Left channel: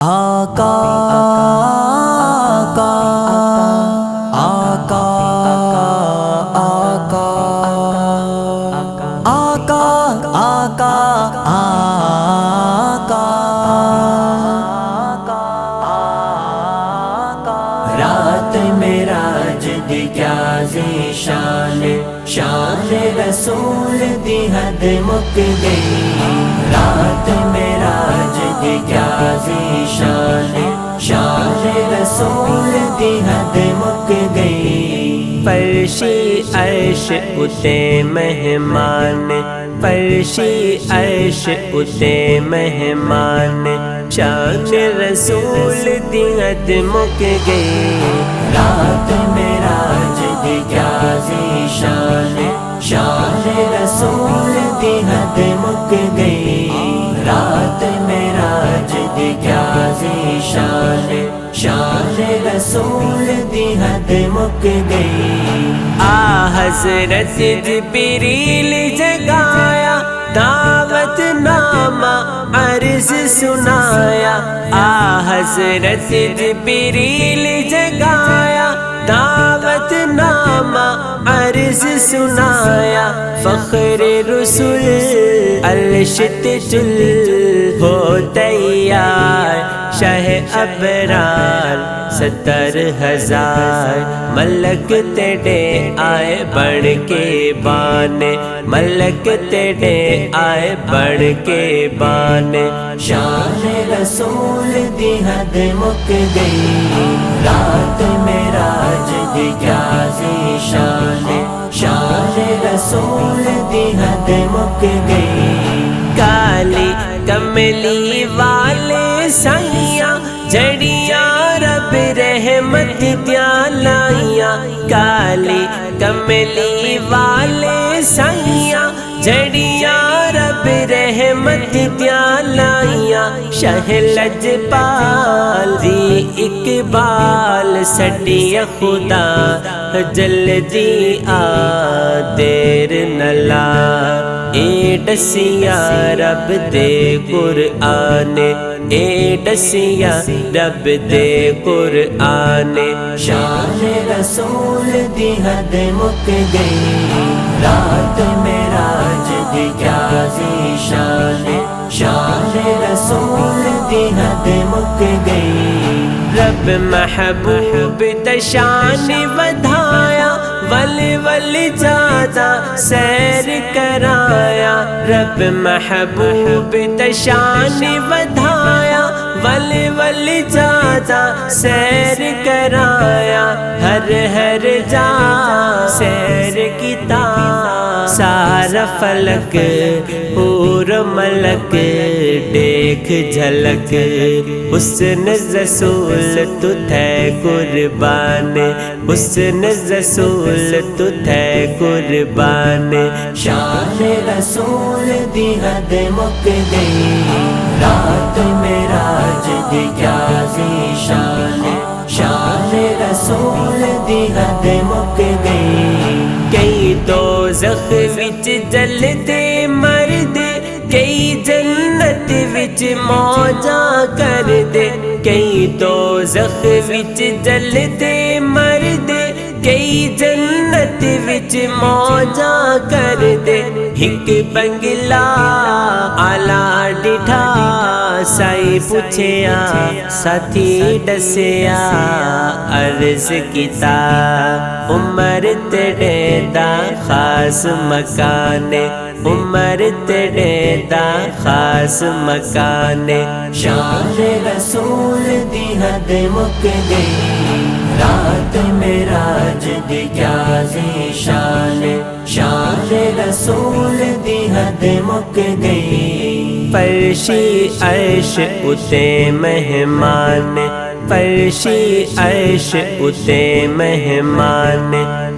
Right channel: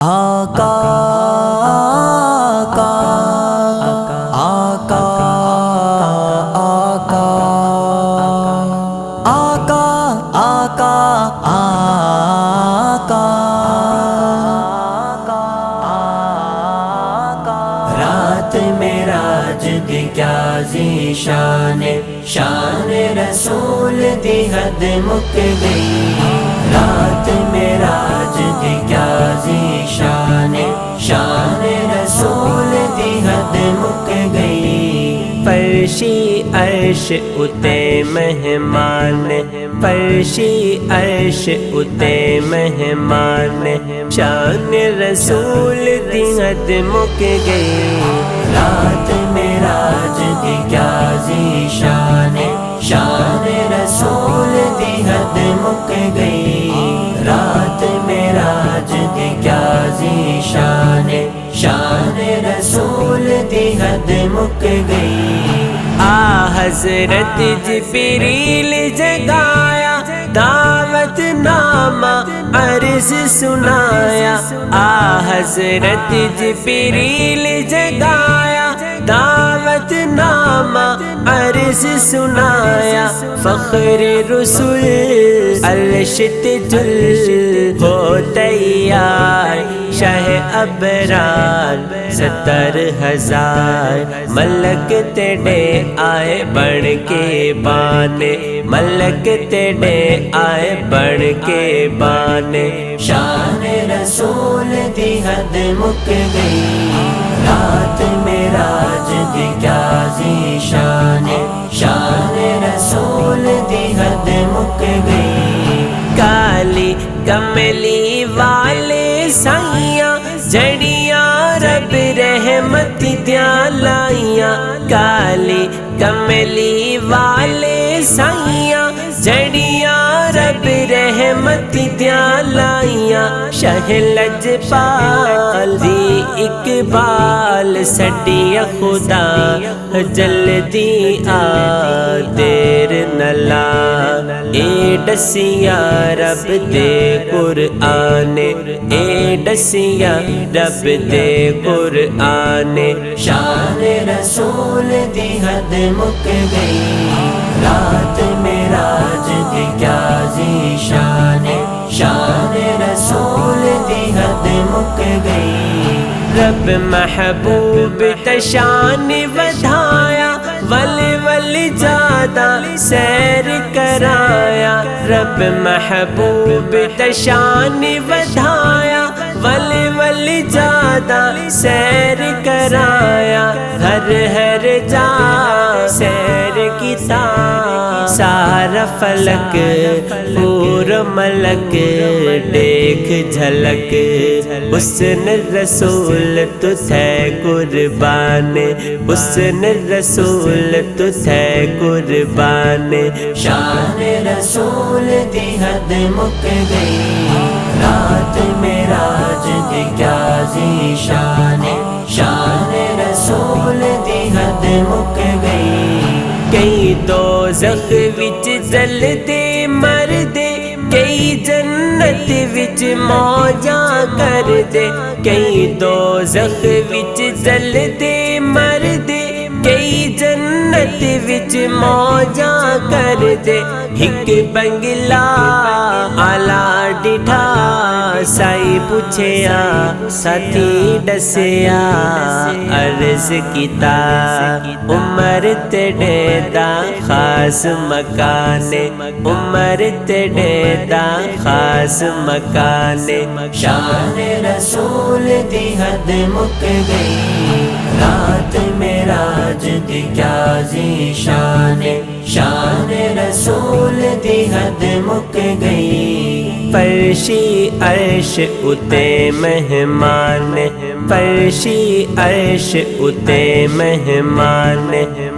آقا آقا آقا آقا آقا آقا آقا رات معراج دی کیا ذیشان شان رسول دی حد مک گئی رات معراج دی کیا ذیشان شان رسول دی حد مک گئی فرشی عرش اتے مہمان فرشی عرش اتے مہمان شان رسول دی حد مک گئی رات معراج دی کیا ذیشان شان رسول دی حد مک گئی رات معراج دی کیا ذیشان شان رسول دی حد مک گئی حضرت جبریل جگایا دعوت نامہ عرض سنایا حضرت جبریل جگایا دعوت نامہ عرض سنایا فخر رسول الشت جل ہو تیار شاہ ابرار 70,000 ملک تیرے آئے بڑھ کے بانے ملک تیرے آئے بڑھ کے بانے شان رسول دی حد مک گئی رات معراج دی کیا ذیشان شان رسول دی حد مک گئی کالی کملی والے سائیاں جڑیاں رب رحمت دیاں لائیاں کالی کملی والے سائیاں جڑیاں رب رحمت دیاں لائیاں شاہ لجپال دی اقبال سڈی خدا جلدی آ دیر نہ لا اے ڈسیا رب دے قرآن اے ڈسیا رب دے قرآن شان رسول دی حد مک گئی رات معراج دی کیا ذیشان شان رسول دی حد مک گئی رب محبوب تشان ودھایا ول ول زیادہ سیر کرایا رب محبوب تشان ودھایا ول ول زیادہ سیر کرایا ہر جا سیر کیتا سارا فلک پور ملک دیکھ جھلک حسن رسول تو تھے قربان حسن رسول تو تھے قربان شان رسول دی حد مک گئی رات معراج دی کیا ذیشان شان رسول دی حد مک گئی کئی دوزخ وچ جلدے مردے کئی جنت وچ موجاں کر دے کئی دوزخ وچ جلدے مردے کئی جنت وچ موجاں کر دے ایک بنگلا آلا ڈٹھا سائی پوچھیا ساتھی ڈسیا عرض کیتا عمر تیرے دا خاص مکان عمر تیرے دا خاص مکان شان رسول دی حد مک گئی رات معراج دی کیا ذیشان شان رسول دی حد مک گئی فرشی عرش اتے مہمان فرشی عرش اتے مہمان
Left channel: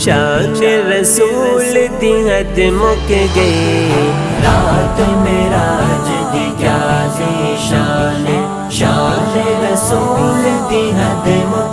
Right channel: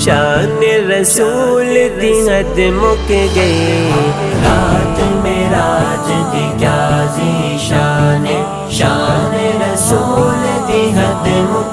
شان رسول دی حد مک گئی رات معراج دی کیا ذیشان شان رسول دی حد مک